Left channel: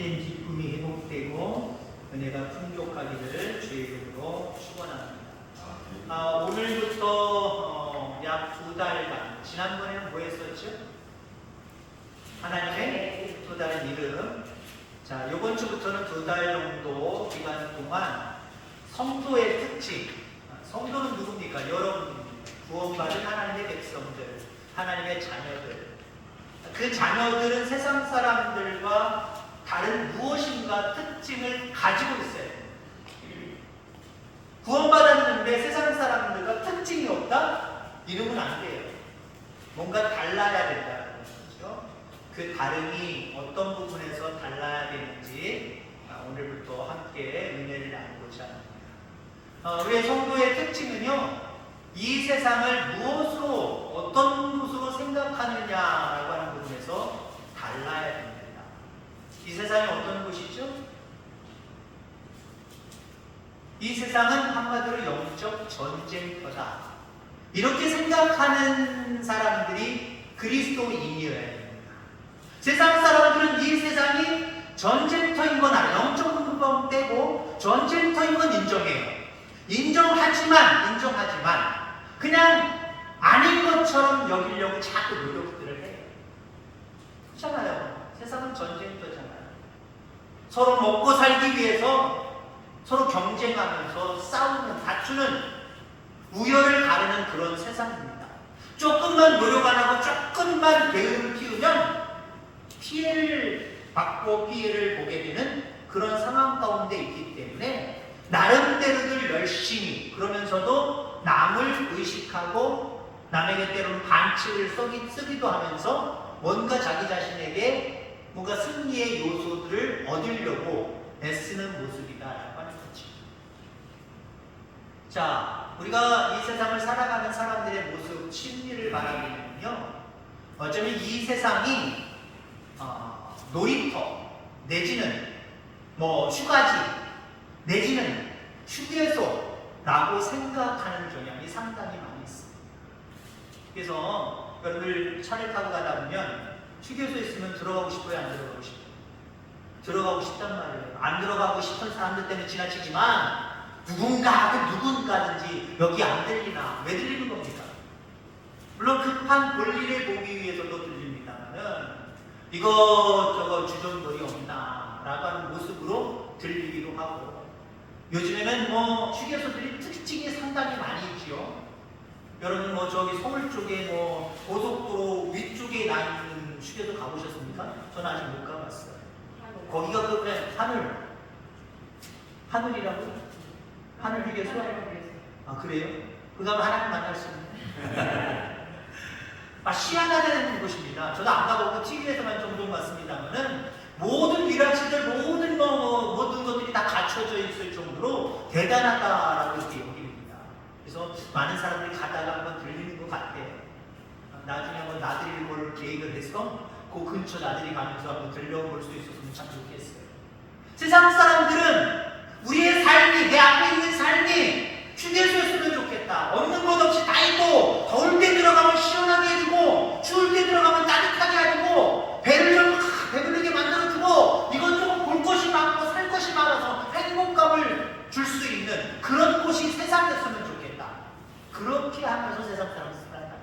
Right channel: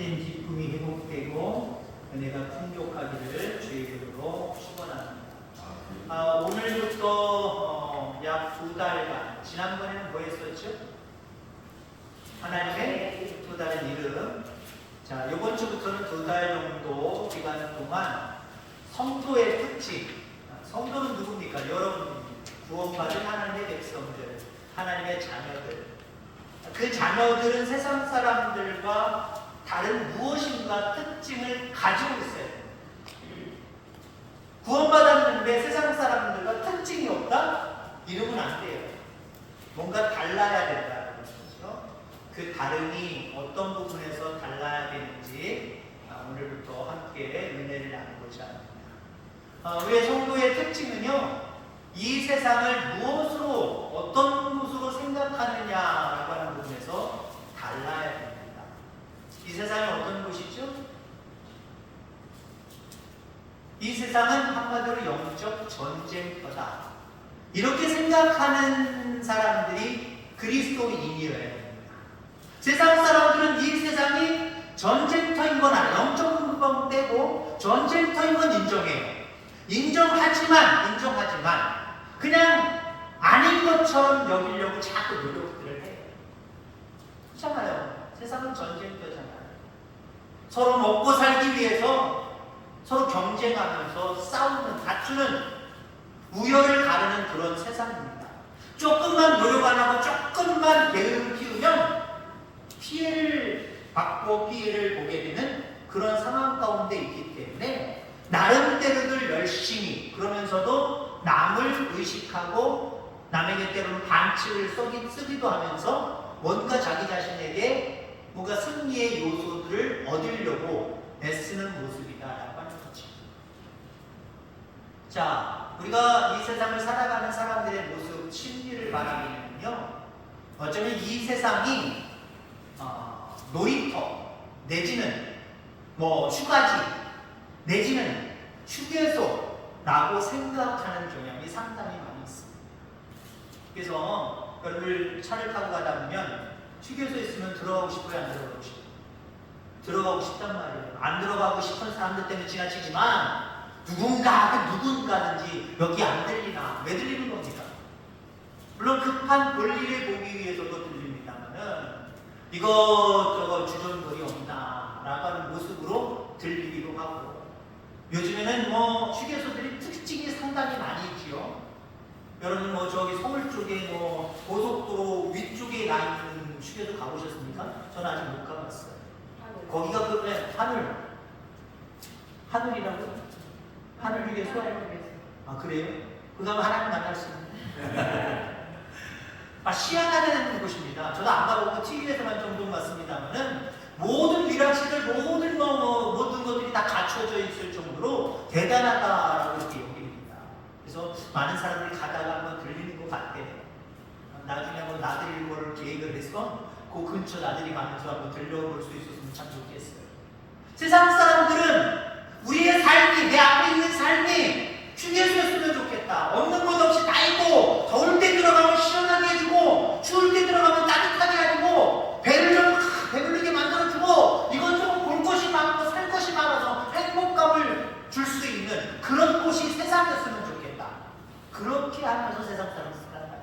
참된 기쁨이 회복되고 은혜가 풍족하기를 주의 이름으로 축원합니다. 아, 오늘부터 어, 약두 달간 지난번에는 뭐 했었죠? 하나님의 또 다른 이름. 자, 이번 주부터는 두 달 정도 기간 동안 성도의 특징. 아, 성도는 누굽니까? 여러분입니다. 구원받은 하나님의 백성들, 하나님의 자녀들. 그 자녀들은 세상 사람들과 다른 무엇인가 특징을 가지고 있어요. 구원받았는데 세상 사람들과 특징이 없다? 이러면 안 돼요. 뭔가 달라야 된다는 거죠. 그 다름이 어떤 부분에서 달라야 되는지 아, 오늘부터 함께 은혜를 나누고자 합니다. 아, 우리의 성도의 특징은요, 이 세상을 무엇으로, 어떤 모습으로 생각하느냐라고 하는 부분에서 달라야 됩니다. 이 세상이 어떤 곳이죠? 이 세상은 한마디로 영적 전쟁터다. 이렇게 생각하는 사람들이 그리스도인이어야. 세상 사람들은 이 세상이 전쟁터인 건 알아요. 영적 부분 떼고 전쟁터인 건 인정해요. 인정하지만, 인정하지만, 그냥 아닌 것처럼 여기려고 자꾸 노력들을 해요. 그렇잖아요. 세상은 전쟁터잖아요. 서로 먹고 살기 위해서 서로 경쟁하면서 싸우는, 다투는 우열을 가르는 그런 세상입니다. 조금만 노력 안 하고 조금만 게으름을 피우면 피해를 받고 피해를 보게 되는 그런 상황 가운데 있기 때문에 나름대로들 열심히 그러면서도 남을 의식하고 남에게 때로는 반칙을 쓰기, 쓰기도 하면서 뭔가 자기 자신에게 뭔가 승리의 요소들을 얻으려고 애쓰는 모습이다라고 하는. 자, 우리가 이 세상을 살아가는 사람들의 모습, 심리를 말하면요. 어쩌면 이 세상이 어, 놀이터 내지는 뭐 휴가지 내지는 휴게소라고 생각하는 경향이 상당히 많이 있습니다. 그래서 여러분들 차를 타고 가다 보면 휴게소에 있으면 들어가고 싶어요, 안 들어가고 싶어요? 들어가고 싶단 말이에요. 안 들어가고 싶은 사람들 때문에 지나치지만 누군가 누군가든지 여기 안 들리나 왜 들리는 겁니까? 물론 급한 볼일을 보기 위해서도 들립니다만은 이거 저거 주전물이 없나라고 하는 모습으로 들리기도 하고 요즘에는 뭐 휴게소들이 특징이 상당히 많이 있지요. 여러분 뭐 저기 서울 쪽에 뭐 고속도로 위쪽에 나 있는 휴게소 가보셨습니까? 저는 아직 못 가봤어요. 거기가 그 네, 하늘 하늘이라고 하늘 휴게소? 아 그래요? 그 다음에 하나님 만날 수 있는 아 희한하다는 곳입니다. 저도 안 가보고 TV에서만 종종 봤습니다만은 모든 위락시들 모든 뭐, 뭐, 모든 것들이 다 갖춰져 있을 정도로 대단하다라고 이렇게 여깁니다. 그래서 많은 사람들이 가다가 한번 들리는. 나들이 걸 계획을 해서 그 근처 나들이 가면서 한번 들려볼 수 있었으면 참 좋겠어요. 세상 사람들은 우리의 삶이 내 앞에 있는 삶이 휴게소였으면 좋겠다. 없는 것 없이 다 있고 더울 때 들어가면 시원하게 해주고 추울 때 들어가면 따뜻하게 해주고 배를 좀 배부르게 만들어주고 이것저것 볼 것이 많고 살 것이 많아서 행복감을 줄 수 있는 그런 곳이 세상이었으면 좋겠다. 그렇게 하면서 세상 사람 살아가요.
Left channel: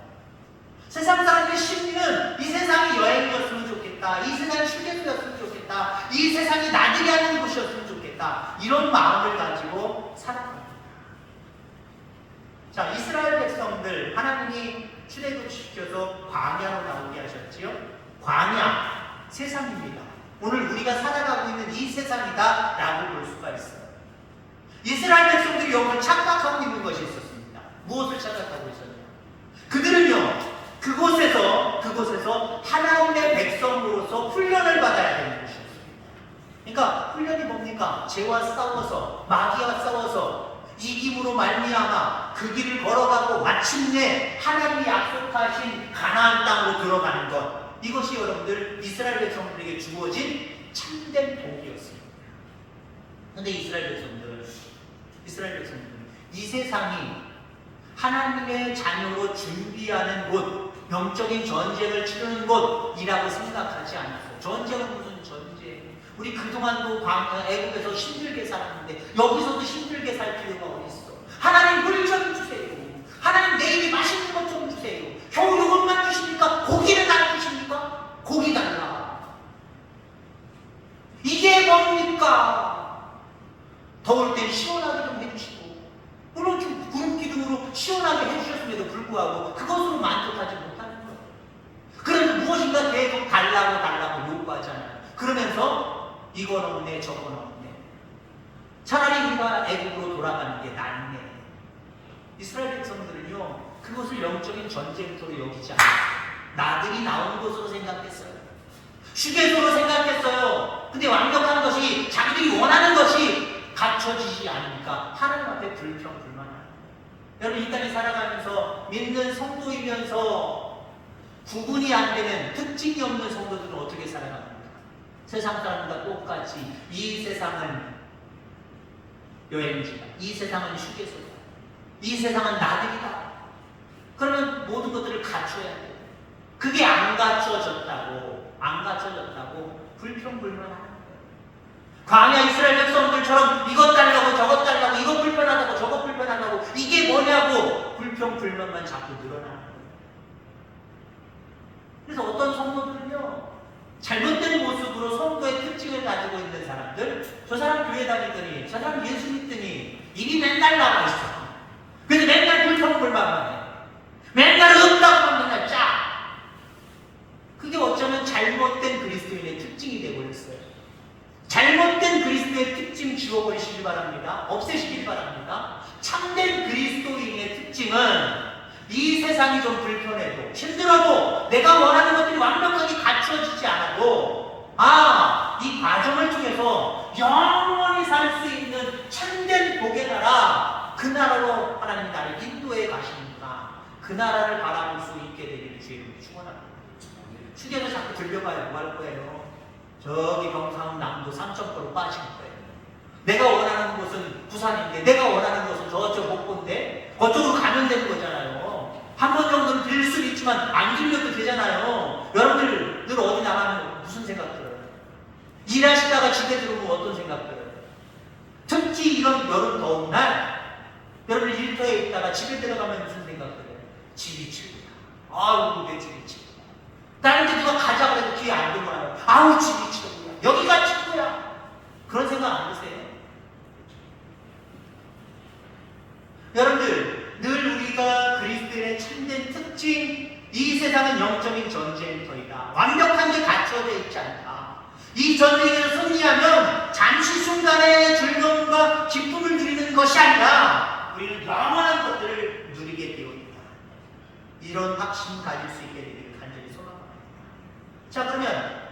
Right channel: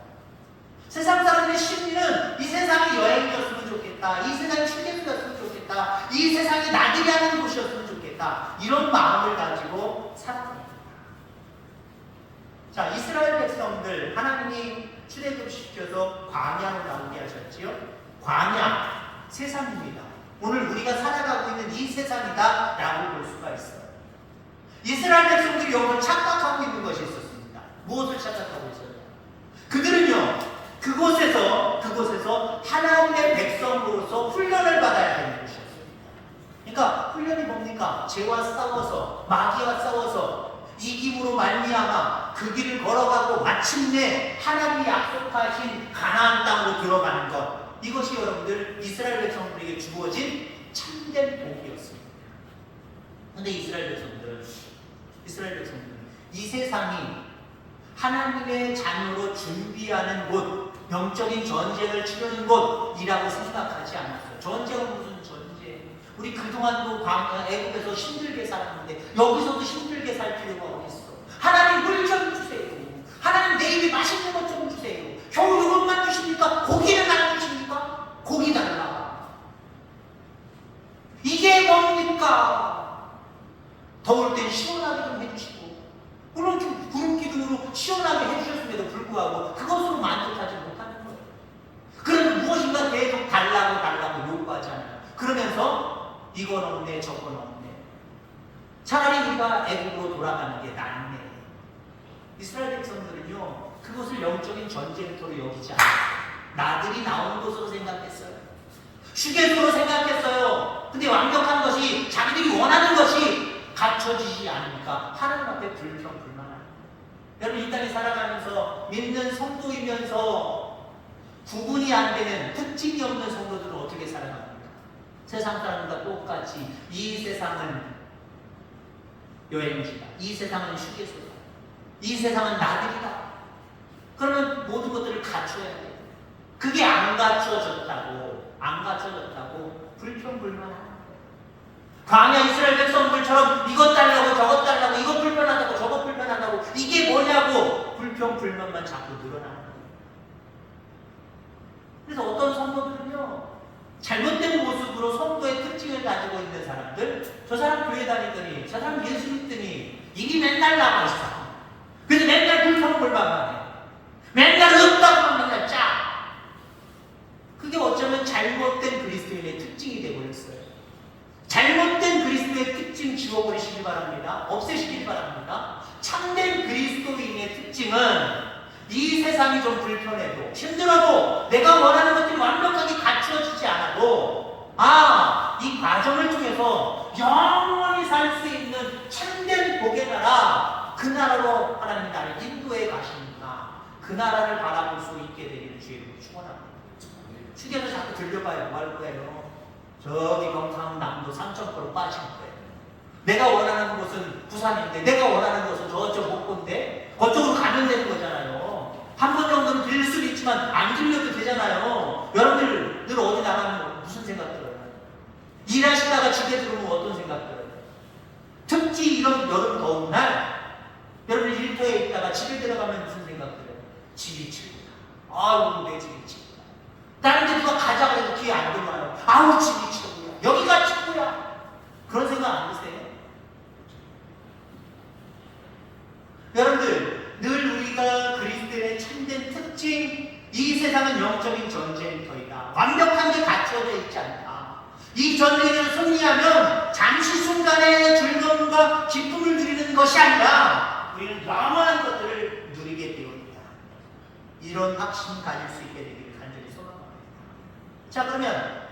세상 사람의 심리는 이 세상이 여행이었으면 좋겠다. 이 세상이 휴게소였으면 좋겠다. 이 세상이 나들이 하는 곳이었으면 좋겠다. 이런 마음을 가지고 살아갑니다. 자, 이스라엘 백성들 하나님이 출애굽시켜서 광야로 나오게 하셨지요. 광야 세상입니다. 오늘 우리가 살아가고 있는 이 세상이다라고 볼 수가 있어요. 이스라엘 백성들이 여기 착각하고 있는 것이 있었습니다. 무엇을 착각하고 있었냐? 그들은요 그곳에서 그곳에서 하나님의 백성으로서 훈련을 받아야 되는 것이었습니다. 그러니까 훈련이 뭡니까? 죄와 싸워서 마귀와 싸워서 이김으로 말미암아 그 길을 걸어가고 마침내 하나님이 약속하신 가나안 땅으로 들어가는 것 이것이 여러분들 이스라엘 백성들에게 주어진 참된 복이었습니다. 근데 이스라엘 백성들은 이스라엘 백성들은 이 세상이 하나님의 자녀로 준비하는 곳, 영적인 전쟁을 치르는 곳이라고 생각하지 않았어요. 전쟁은 무슨 전쟁? 우리 그동안도 광- 애국에서 힘들게 살았는데 여기서도 힘들게 살 필요가 어딨어. 하나님 물 좀 주세요. 하나님 내일이 맛있는 것 좀 주세요. 겨우 이것만 주십니까? 고기는 안 주십니까? 고기 달라. 이게 뭡니까? 더울 땐 시원하게 좀 해주시고 물론 좀 구름 기둥으로 시원하게 해주셨음에도 불구하고 그것으로 만족하지 거예요. 그러면 무엇인가 계속 달라고 달라고 요구하잖아요. 그러면서 이건 없네 저건 없네. 차라리 우리가 애국으로 돌아가는 게 낫네. 이스라엘 백성들은요 그것을 영적인 전쟁터로 여기지 않아요. 나들이 나온 곳으로 생각했어요. 휴게소로 생각했어요. 근데 완벽한 것이 자기들이 원하는 것이 갖춰지지 않으니까 하나님 앞에 불평불만하는 여러분 이 땅에 살아가면서 믿는 성도이면서 구분이 안 되는 특징이 없는 성도들은 어떻게 살아갑니까? 세상 사람과 똑같이 이 세상은 여행지다. 이 세상은 휴게소다. 이 세상은 나들이다. 그러면 모든 것들을 갖춰야 돼. 그게 안 갖춰졌다고, 안 갖춰졌다고 불평불만하는 거예요. 광야 이스라엘 백성들처럼 이것 달라고 저것 달라고 이것 불편하다고 저것 불편하다고 이게 뭐냐고 불평불만만 자꾸 늘어나는 거예요. 그래서 어떤 성도들은요? 잘못된 모습으로 성도의 특징을 가지고 있는 사람들 저 사람 교회 다니더니 저 사람 예수 믿더니 이게 맨날 나가 있어. 그래서 맨날 불평불만만 해. 맨날 없다고 하면 맨날 짜. 그게 어쩌면 잘못된 그리스도인의 특징이 되어버렸어요. 잘못된 그리스도의 특징 지워버리시기 바랍니다. 없애시기 바랍니다. 참된 그리스도인의 특징은 이 세상이 좀 불편해도 힘들어도 내가 원하는 것들이 완벽하게 갖추어지지 않아도 아, 이 과정을 통해서 영원히 살 수 있는 참된 복의 나라 그 나라로 하나님 나를 인도해 가시는구나. 그 나라를 바라볼 수 있게 되기를 주의 축원합니다. 휴게소 자꾸 들려봐요. 뭐 할 거예요? 저기 경상남도 삼천포로 빠질 거예요. 내가 원하는 곳은 부산인데 내가 원하는 곳은 저쪽 목포인데 그쪽으로 가면 되는 거잖아요. 한 번 정도는 들릴 수도 있지만 안 들려도 되잖아요. 여러분들 늘 어디 나가면 무슨 생각 들어요? 일하시다가 집에 들어오면 어떤 생각 들어요? 특히 이런 여름 더운 날 여러분 일터에 있다가 집에 들어가면 무슨 생각 들어요? 집이 최고다. 아우 내 집이 최고다. 다른 데 누가 가자고 해도 귀에 안 들어와요. 아우 집이 최고야. 여기가 최고야. 그런 생각 안 드세요? 여러분들 늘 우리가 그리스도인의 참된 특징 이 세상은 영적인 전쟁터이다. 완벽한 게 갖춰져 있지 않다. 이 전쟁에서 승리하면 잠시 순간의 즐거움과 기쁨을 누리는 것이 아니라 우리는 영원한 것들을 누리게 되어 있다. 이런 확신 가질 수 있게 되기를 간절히 소망합니다. 자 그러면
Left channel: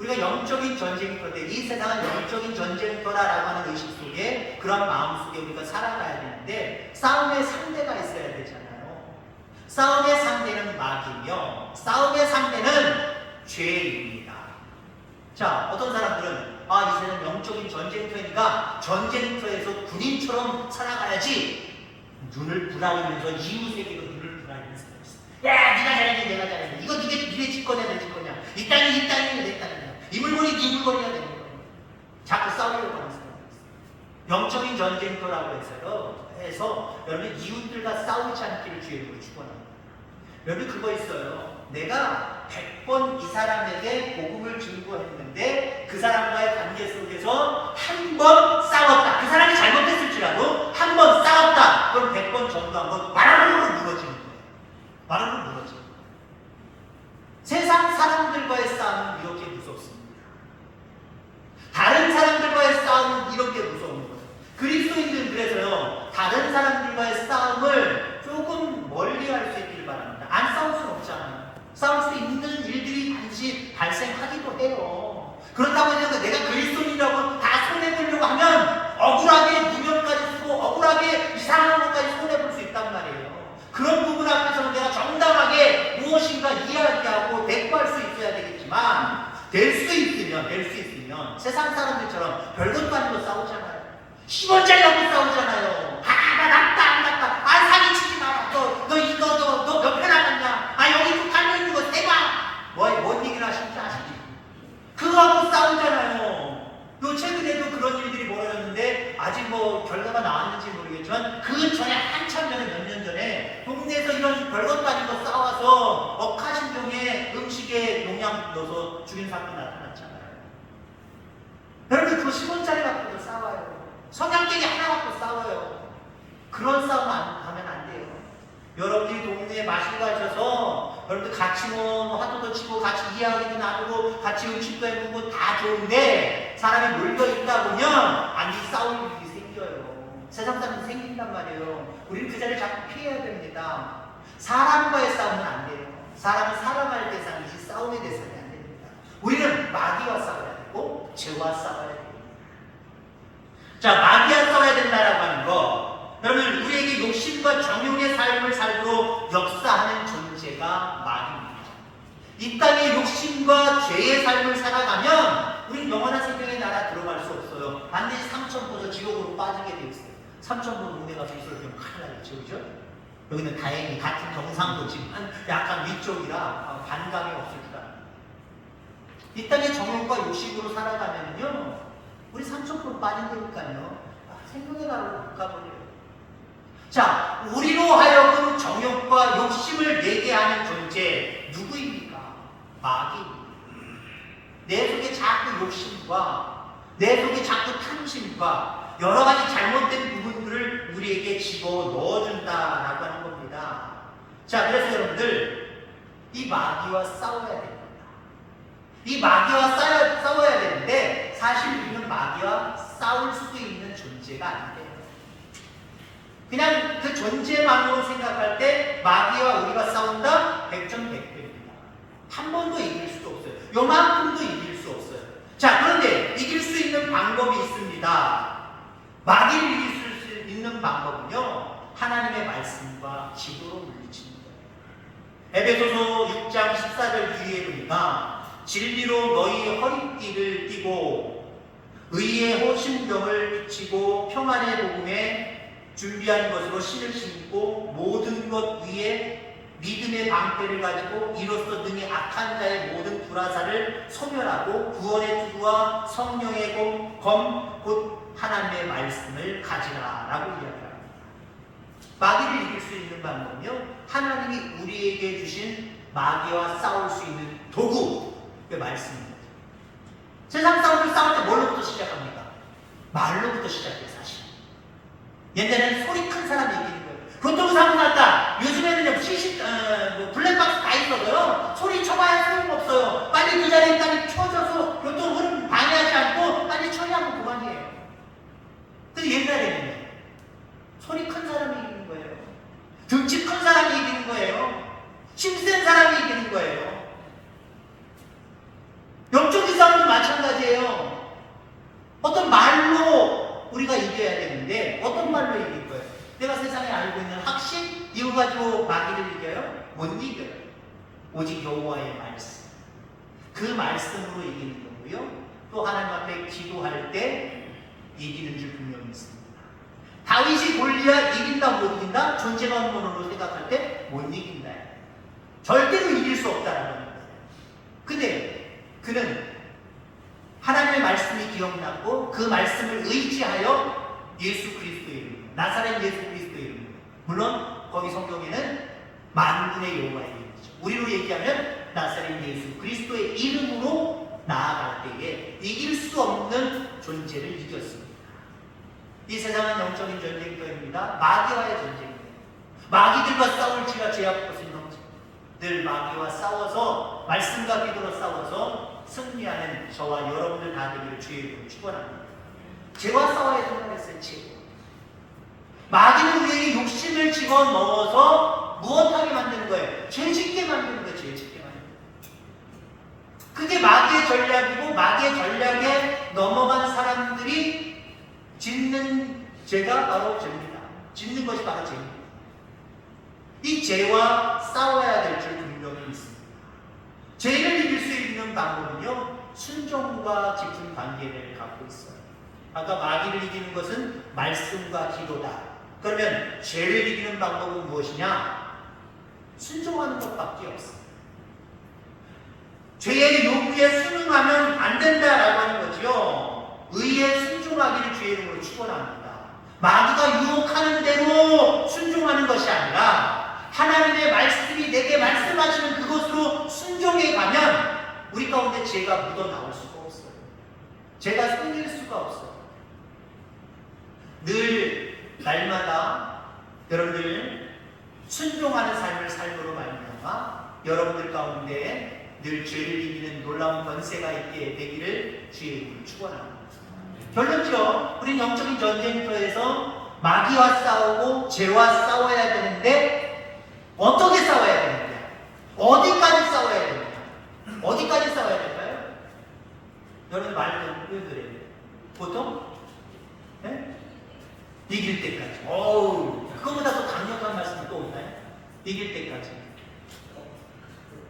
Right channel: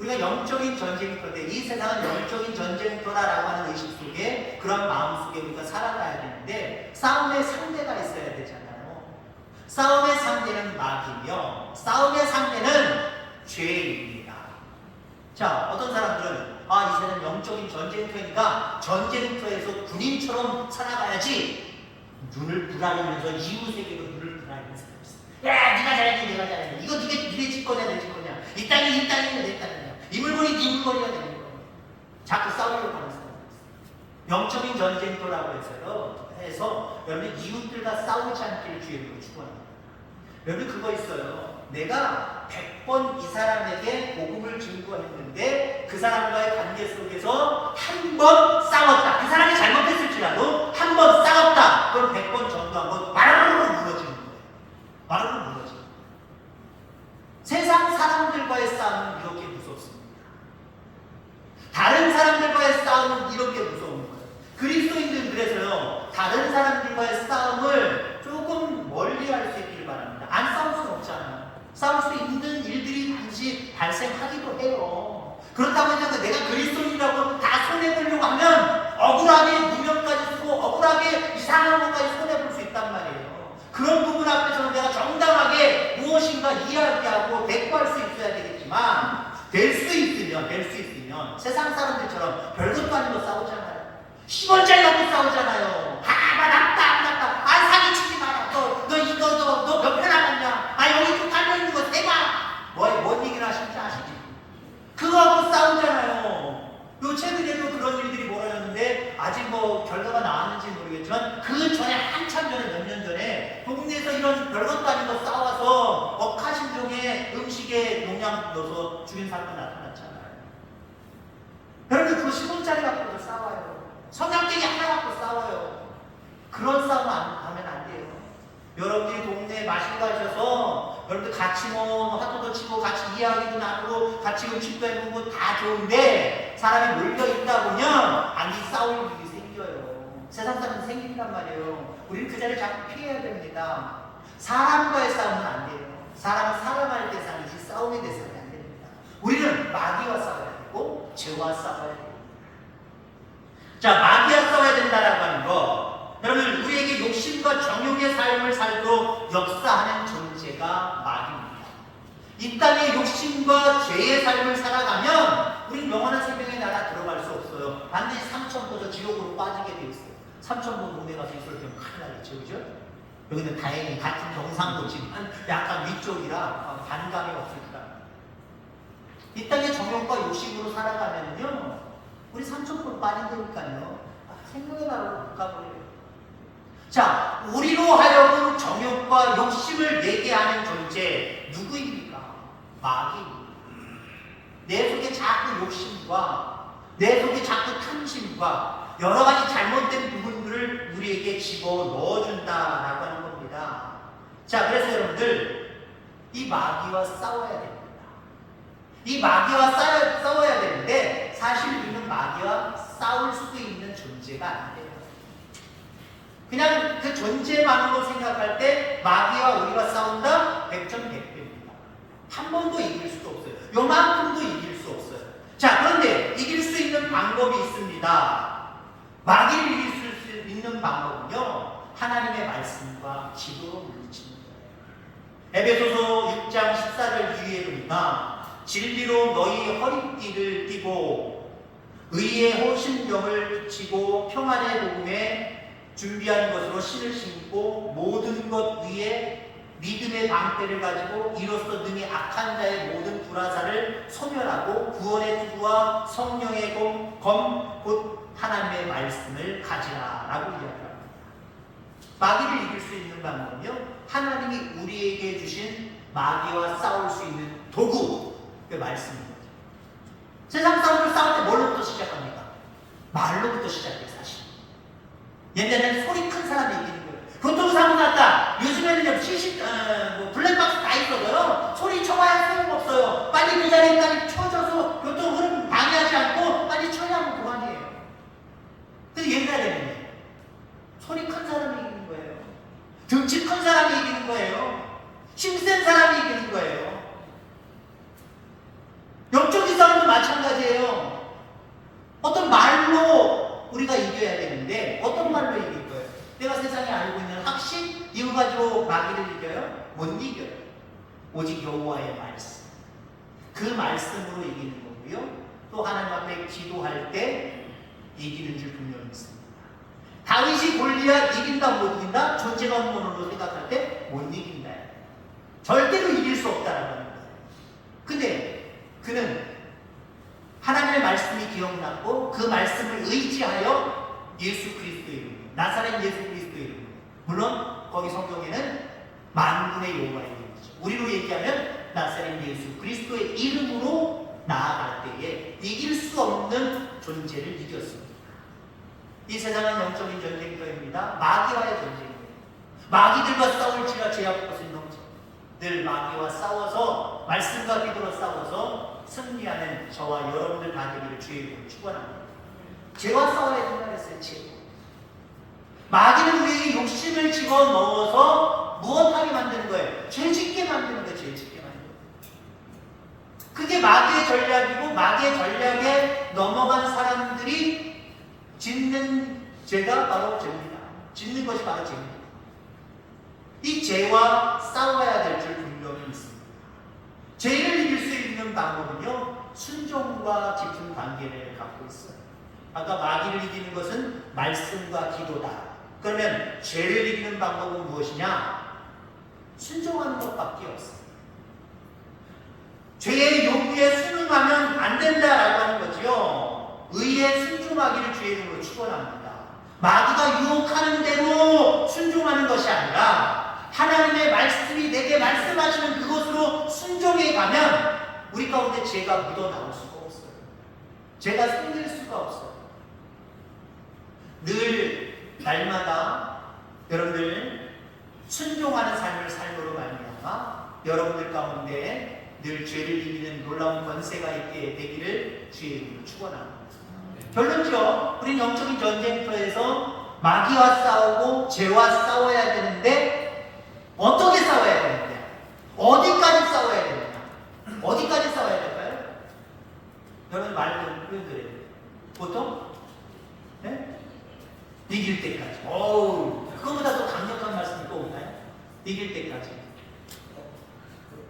우리가 영적인 전쟁터인데 이 세상은 영적인 전쟁터라라고 하는 의식 속에 그런 마음 속에 우리가 살아가야 되는데 싸움의 상대가 있어야 되잖아요. 싸움의 상대는 마귀며 싸움의 상대는 죄입니다. 자 어떤 사람들은 아 이제는 영적인 전쟁터니까 전쟁터에서 군인처럼 살아가야지 눈을 부라리면서 이웃에게도 눈을 있어. 야 네가 잘했지 내가 잘했지 이거 네게 니네 집 거냐 내 집 거냐 이 땅이 이 땅이냐 내 땅이냐 이 물건이 네 물건이야 내 물건이야 자꾸 싸우려고 하는 사람이 있어 영적인 전쟁터라고 해서요. 해서 여러분 이웃들과 싸우지 않기를 주의로 축원합니다. 여러분 그거 있어요. 내가 100번 이 사람에게 복음을 증거했는데 그 사람과의 관계 속에서 한 번 싸웠다. 그 사람이 잘못했을지라도 한 번 싸웠다. 그럼 100번 전도한 건 마르르 무너지는 거예요. 마르르 무너지는 거예요. 세상 사람들과의 싸움은 이렇게 다. 다른 사람들과의 싸움은 이렇게 무서운 거예요. 그리스도인들 그래서요, 다른 사람들과의 싸움을 조금 멀리 할 수 있기를 바랍니다. 안 싸울 수는 없잖아요. 싸울 수 있는 일들이 반드시 발생하기도 해요. 그렇다고 해서 내가 그리스도인이라고 다 손해보려고 하면 억울하게 누명까지 쓰고 억울하게 이상한 것까지 손해볼 수 있단 말이에요. 그런 부분 앞에서 내가 정당하게 무엇인가 이야기하고 대꾸할 수 있어야 되겠지만 될 수 있으면 될 수 있으면 세상 사람들처럼 별것도 아니고 싸우잖아요. 10원짜리 갖고 싸우잖아요. 아, 나 낫다, 안 낫다. 아, 사기치지 마라. 너, 너 이거, 너, 너몇편 남았냐? 아, 여기 또 달려있는 거 대박. 뭐, 뭔 얘기를 하실지 아시지? 그거 갖고 싸우잖아요. 요 최근에도 그런 일들이 벌어졌는데 아직 뭐 결과가 나왔는지 모르겠지만 그 전에 한참 전에 몇 년 전에 동네에서 이런 별것도 거 싸워서 억하심종의 음식에 농약 넣어서 죽인 사건이 나타났잖아요. 여러분 그거 10원짜리 갖고도 싸워요. 성냥개기 하나 갖고 싸워요. 그런 싸움 안, 하면 안 돼요. 여러분이 동네에 마실 가셔서 여러분들 같이 뭐 화도도 치고 같이 이야기도 나누고 같이 음식도 해보고 다 좋은데 사람이 몰려 있다 보면 아니 싸울 일이 생겨요. 세상 사람 생긴단 말이에요. 우리는 그 자리를 자꾸 피해야 됩니다. 사람과의 싸움은 안 돼요. 사람은 사랑할 대상이지 싸움의 대상이 안 됩니다. 우리는 마귀와 싸워야 되고 죄와 싸워야 되고 자 마귀와 싸워야 된다라고 하는 거 여러분 우리에게 욕심과 정욕의 삶을 살도록 역사하는 존재가 마귀입니다. 이 땅에 욕심과 죄의 삶을 살아가면 우리는 영원한 생명의 나라 들어갈 수 없어요. 반드시 삼천포도 지옥으로 빠지게 돼 있어요. 삼천포 동네 가서 있을 때면 큰일 나겠죠, 그죠? 여기는 다행히 같은 경상도 지만 약간 위쪽이라 반감이 없을 거다. 이 땅에 정욕과 욕심으로 살아가면요, 우리 삼천포 빠진다니까요. 아, 못 가버려요. 자, 우리로 하여금 정욕과 욕심을 내게 하는 존재 누구입니까? 마귀입니다. 내 속에 자꾸 욕심과 내 속에 자꾸 탐심과 여러 가지 잘못된 부분들을 우리에게 집어 넣어준다라고 하는 겁니다. 자, 그래서 여러분들 이 마귀와 싸워야 됩니다. 이 마귀와 싸워, 싸워야 되는데 사실 우리는 마귀와 싸울 수도 있는 존재가 아니에요. 그냥 그 존재만으로 생각할 때 마귀와 우리가 싸운다? 백전백패입니다. 한 번도 이길 수도 없어요. 요만큼도 이길 수 없어요. 자, 그런데 이길 수 있는 방법이 있습니다. 마귀를 이길 수 있는 방법은요. 하나님의 말씀과 지도로 물리치는 거예요. 에베소서 6장 14절 뒤에 보니까 진리로 너희 허리띠를 띠고 의의 호신병을 지고 평안의 복음에 준비한 것으로 신을 신고 모든 것 위에 믿음의 방패를 가지고 이로써 능히 악한 자의 모든 불화사를 소멸하고 구원의 투구와 성령의 검, 곧 하나님의 말씀을 가지라 라고 이야기합니다. 마귀를 이길 수 있는 방법은요. 하나님이 우리에게 주신 마귀와 싸울 수 있는 도구, 그 말씀입니다. 세상 싸움을 싸울 때 뭘로부터 시작합니까? 말로부터 시작해요, 사실. 옛날에는 소리 큰 사람이 이기는 거예요. 교통 사고 났다. 요즘에는 CC, 어, 뭐 블랙박스 다 있어서요. 소리 쳐봐야 소용없어요. 빨리 그 자리에 빨리 쳐줘서 교통 흐름 방해하지 않고 빨리 처리하고 그만이에요. 근데 옛날에는 소리 큰 사람이 이기는 거예요. 등치 큰 사람이 이기는 거예요. 힘센 사람이 이기는 거예요. 이상도 마찬가지예요. 어떤 말로 우리가 이겨야 되는데 어떤 말로 이길 거예요? 내가 세상에 알고 있는 학식 이거 가지고 마귀를 이겨요? 못 이겨요. 오직 여호와의 말씀. 그 말씀으로 이기는 거고요. 또 하나님 앞에 기도할 때 이기는 줄 분명히 있습니다. 다윗이 골리앗 이긴다 못 이긴다? 존재만으로 생각할 때 못 이긴다. 절대로 이길 수 없다는 겁니다. 근데 그는 하나님의 말씀이 기억났고 그 말씀을 의지하여 예수 그리스도의 이름, 나사렛 예수 그리스도의 이름. 물론 거기 성경에는 만군의 여호와의 이름이죠. 우리로 얘기하면 나사렛 예수 그리스도의 이름으로 나아갈 때에 이길 수 없는 존재를 이겼습니다. 이 세상은 영적인 전쟁터입니다. 마귀와의 전쟁입니다. 마귀들과 싸울지가 제 앞것은 형제. 늘 마귀와 싸워서 말씀과 기도로 싸워서 승리하는 저와 여러분들 다 되기를 주의 이름으로 축원합니다. 죄와 싸워야 된다고 했어요. 죄. 마귀는 우리의 욕심을 집어넣어서 무엇하게 만드는 거예요? 죄 짓게 만드는 거예요. 죄 짓게 만드는 거예요. 그게 마귀의 전략이고 마귀의 전략에 넘어간 사람들이 짓는 죄가 바로 죄입니다. 짓는 것이 바로 죄입니다. 이 죄와 싸워야 될 줄. 죄를 이길 수 있는 방법은요, 순종과 깊은 관계를 갖고 있어요. 아까 마귀를 이기는 것은 말씀과 기도다. 그러면 죄를 이기는 방법은 무엇이냐? 순종하는 것밖에 없어요. 죄의 요구에 순응하면 안 된다라고 하는 거죠. 순종하기를 주의 이름으로 축원합니다. 마귀가 유혹하는 대로 순종하는 것이 아니라 하나님의 말씀이 내게 말씀하시는 그것으로 순종해 가면 우리 가운데 죄가 묻어 나올 수가 없어요. 죄가 생길 수가 없어요. 늘 날마다 여러분들 순종하는 삶을 삶으로 말미암아 여러분들 가운데 늘 죄를 이기는 놀라운 권세가 있게 되기를 주의 이름으로 축원합니다. 결론죠. 우리 영적인 전쟁터에서 마귀와 싸우고 죄와 싸워야 되는데 어떻게 싸워야 되느냐? 어디까지 싸워야 되느냐? 어디까지 싸워야 될까요? 여러분 말좀 표현드려요. 보통 네? 이길 때까지. 어우, 그거보다 더 강력한 말씀이 또 없나요? 이길 때까지.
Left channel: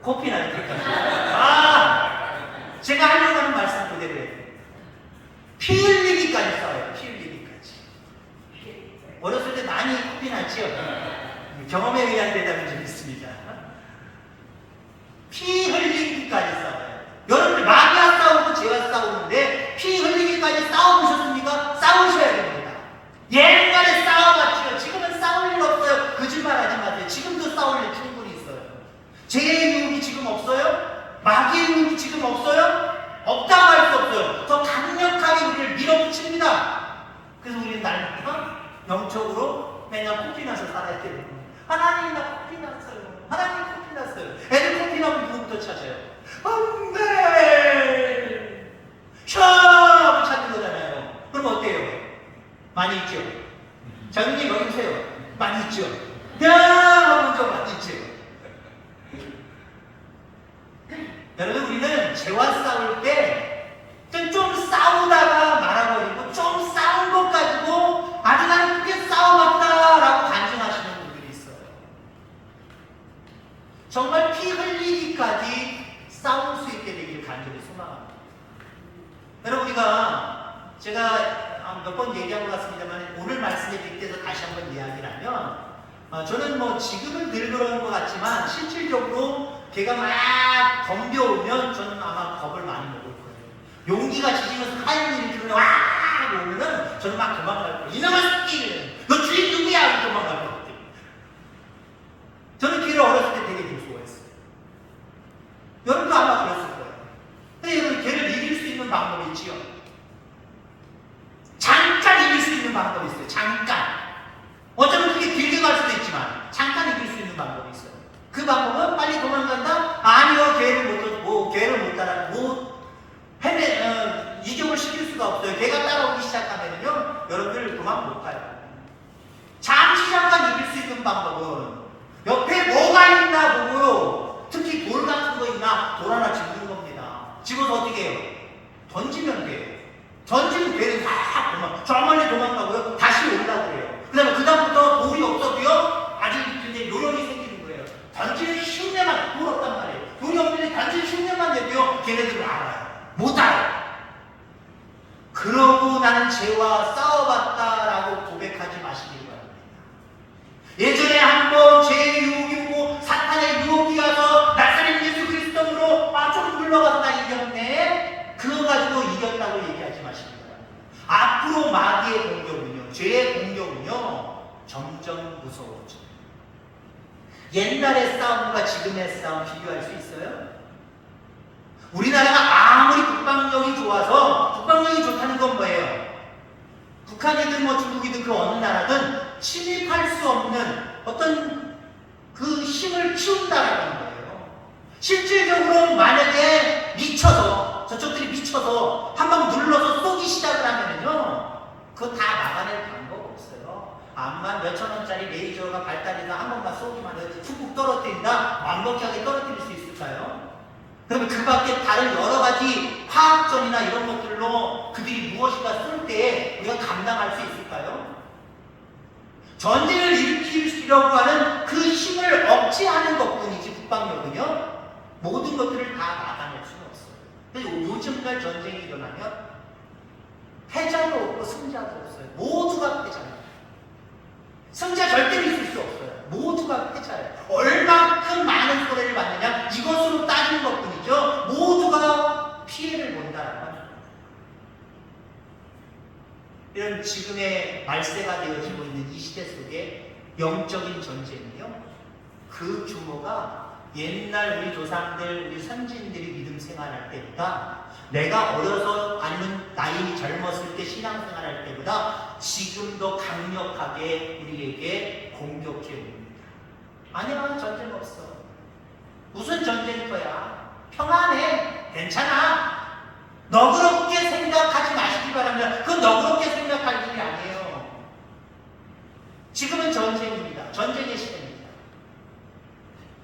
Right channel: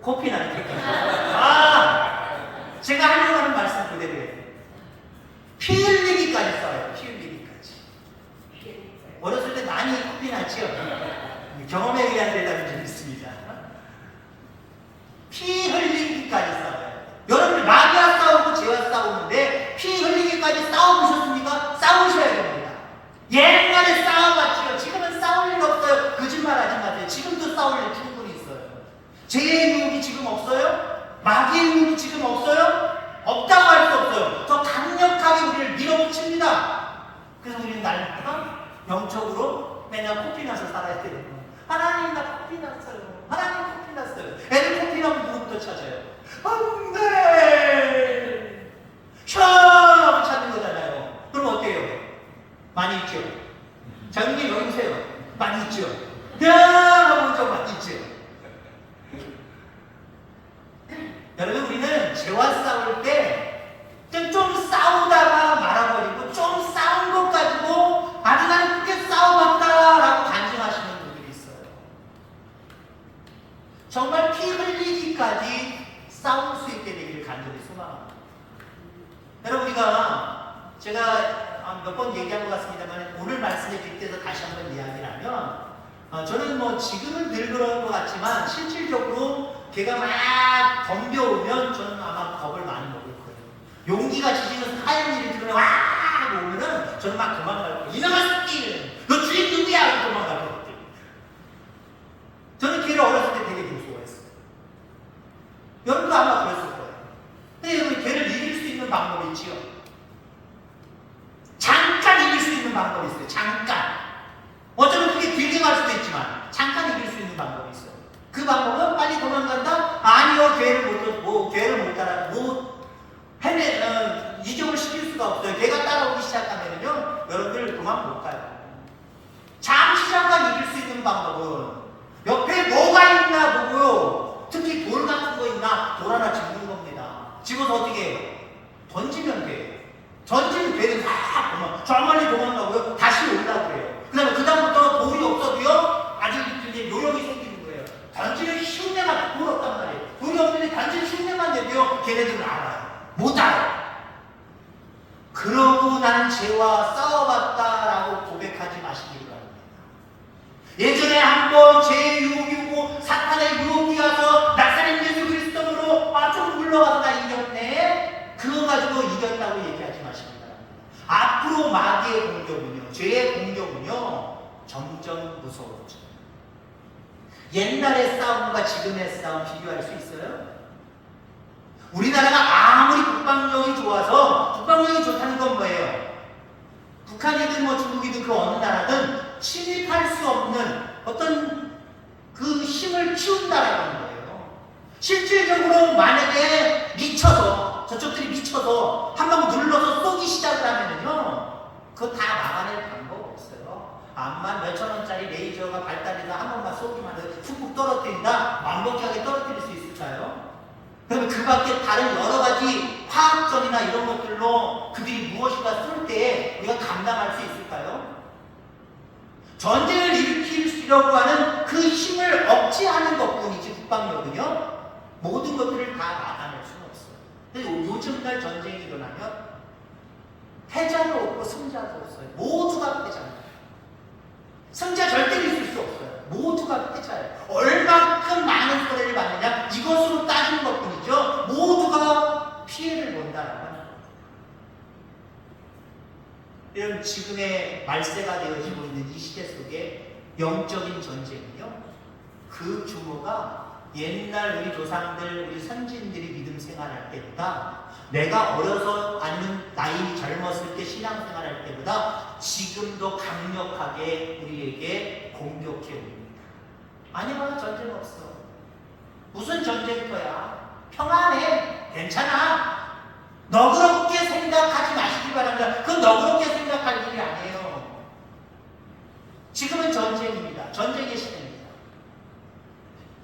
코피 날 때까지. 아! 제가 하려고 하는 말씀 그대로예요. 피 흘리기까지 싸워요. 피 흘리기까지. 어렸을 때 많이 코피 났죠? 경험에 의한 대답이 좀 있습니다. 피 흘리기까지 싸워요. 여러분 마귀와 싸우고 죄와 싸우는데 피 흘리기까지 싸워보셨습니까? 싸우셔야 됩니다. 옛날에 싸워봤지요. 지금은 싸울 일 없어요. 거짓말 하지 마세요. 지금도 싸울 일 충분히 있어요. 죄의 유혹이 지금 없어요? 마귀의 유혹이 지금 없어요? 없다고 할 수 없어요. 더 강력하게 우리를 밀어붙입니다. 그래서 우리는 날마다 영적으로 맨날 코피 나서 살아야 되는 거예요. 하나님 나 코피 났어요. 하나님 코피 났어요. 애들 코피 나면 누구부터 찾아요? 안돼! 샤하고 찾는 거잖아요. 그럼 어때요? 많이 있죠? 장님 여기 오세요. 많이 있죠? 야! 하면 좀 많이 있죠? 여러분 우리는 죄와 싸울 때 좀 싸우다가 말아버리고 좀것 가지고 아주 나는 크게 싸워봤다라고 간증하시는 분들이 있어요. 정말 피 흘리기까지 싸울 수 있게 되길 간절히 소망합니다. 여러분 우리가 제가 몇 번 얘기한 것 같습니다만 오늘 말씀에 빗대서 다시 한번 이야기를 하면 어, 저는 뭐 지금은 늘 그런 것 같지만 실질적으로 걔가 막 덤벼오면 저는 아마 겁을 많이 먹을 거예요. 용기가 지지면서 하얀 일이 들면 와 오면은 저는 막 도망갈 거예요. 이놈의 새끼! 너 주인 누구야? 도망갈 거예요. 저는 걔를 어렸을 때 되게 무서워했어요. 여러분도 아마 그랬을 거예요. 근데 여러분 걔를 이길 수 있는 방법이 있지요. 있는 방법이 있어요. 잠깐. 어쩌면 그게 길게 갈 수도 있지만 잠깐 이길 수 있는 방법이 있어요. 그 방법은 빨리 도망간다? 아니요, 걔를 못, 뭐, 걔를 못 따라, 못, 해내, 어, 이격을 시킬 수가 없어요. 걔가 따라오기 시작하면요, 여러분들 도망 못 가요. 잠시 잠깐 이길 수 있는 방법은 옆에 뭐가 있나 보고요. 특히 돌 같은 거 있나 돌 하나 집는 겁니다. 집어서 어떻게 해요? 던지면 돼요. 던지면 걔는 다 도망, 저 멀리 도망가고요. 다시 올라고 해요. 그 다음에 그다음부터 돌이 없어도요. 아주 이제 요령이 생기는 거예요. 던지는 흉내만 돌 없단 말이에요. 돌이 없는데 던지는 흉내만 내도요. 걔네들은 알아요. 못 알아요. 그러고 나는 죄와 싸워봤다라고 고백하지 마시길 바랍니다. 예전에 한 번 죄의 유혹이 오고 사탄의 유혹이 와서 나사렛 예수 그리스도로 아 조금 나 이겼네 가지고 이겼다고 얘기하지 마시기 바랍니다. 앞으로 마귀의 공격은요 죄의 공격은요 점점 무서워져 옛날의 싸움과 지금의 싸움 비교할 수 있어요? 우리나라가 아무리 국방력이 좋아서 국방력이 좋다는 건 뭐예요? 북한이든 뭐 중국이든 그 어느 나라든 침입할 수 없는 어떤 그 힘을 키운다라는 거예요. 실질적으로 만약에 미쳐서 저쪽들이 미쳐서 한방 눌러서 쏘기 시작을 하면요, 그거 다 막아낼 방법 없어요. 암만 몇천 원짜리 레이저가 발달해서 한 번만 쏘기만 해도 훅훅 떨어뜨린다, 완벽하게 떨어뜨릴 수 있을까요? 그러면 그 밖에 다른 여러 가지 화학전이나 이런 것들로 그들이 무엇인가 쏠 때 우리가 감당할 수 있을까요? 전쟁을 일으키려고 하는 그 힘을 억제하는 것 뿐이지 국방력은요 모든 것들을 다 막아낼 없어 요즘날 전쟁이 일어나면 패자도 없고 승자도 없어요. 모두가 패자예요. 승자 절대로 있을 수 없어요. 모두가 패자예요. 얼만큼 많은 손해를 받느냐 이것으로 따진 것뿐이죠. 모두가 피해를 본다는 거죠. 이런 지금의 말세가 되어지고 있는 이 시대 속에 영적인 전쟁이요. 그 규모가 옛날 우리 조상들, 우리 선진들이 믿음 생활할 때보다 내가 어려서 아니면 나이 젊었을 때 신앙 생활할 때보다 지금도 강력하게 우리에게 공격해 옵니다. 아니야 전쟁 없어. 무슨 전쟁터야? 평안해. 괜찮아. 너그럽게 생각하지 마시기 바랍니다. 그건 너그럽게 생각할 일이 아니에요. 지금은 전쟁입니다. 전쟁의 시대입니다.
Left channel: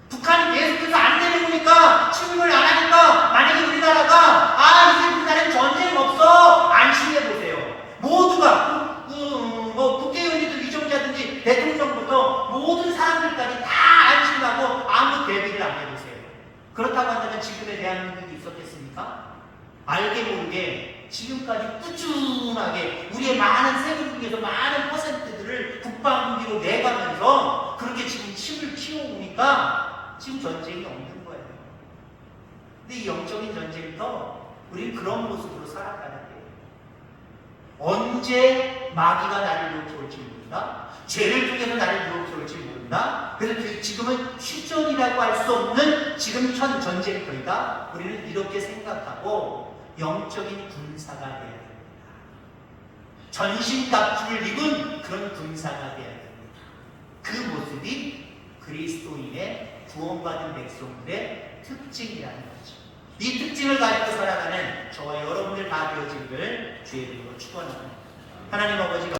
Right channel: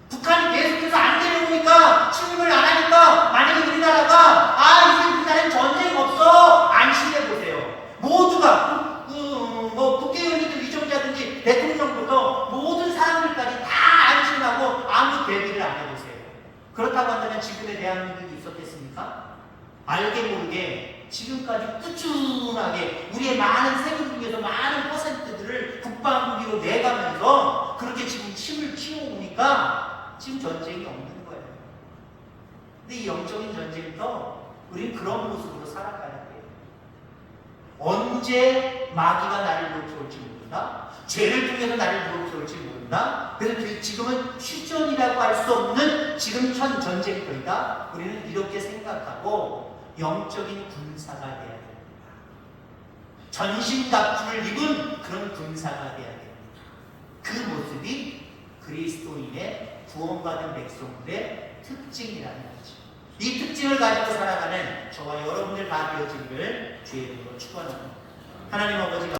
북한이 계속해서 안 내려오니까 침입을 안 하니까 만약에 우리나라가 아 이제 우리나라에 전쟁 없어 안심해 보세요. 모두가 그, 그, 뭐 국회의원이든 위정자든지 대통령부터 모든 사람들까지 다 안심하고 아무 대비를 안 해보세요. 그렇다고 한다면 지금의 대한민국이 있었겠습니까? 알게 모르게 지금까지 꾸준하게 우리의 많은 세금 중에서 많은 퍼센트들을 국방부기로 내가면서 그렇게 지금 힘을 키워오니까 지금 전쟁이 없는 거예요. 근데 이 영적인 전쟁도 우리는 그런 모습으로 살아가는 거예요. 언제 마귀가 나를 놓쳐올지 모른다. 죄를 통해서 나를 놓쳐올지 모른다. 그래서 그 지금은 휴전이라고 할 수 없는 지금 현 전쟁터이다. 우리는 이렇게 생각하고 영적인 군사가 돼야 됩니다. 전신갑주를 입은 그런 군사가 돼야 됩니다. 그 모습이 그리스도인의 구원받은 백성들의 특징이라는 거죠. 이 특징을 가지고 살아가는 저와 여러분들 다 되어지기를 주의 이름으로 축원합니다. 하나님 아버지가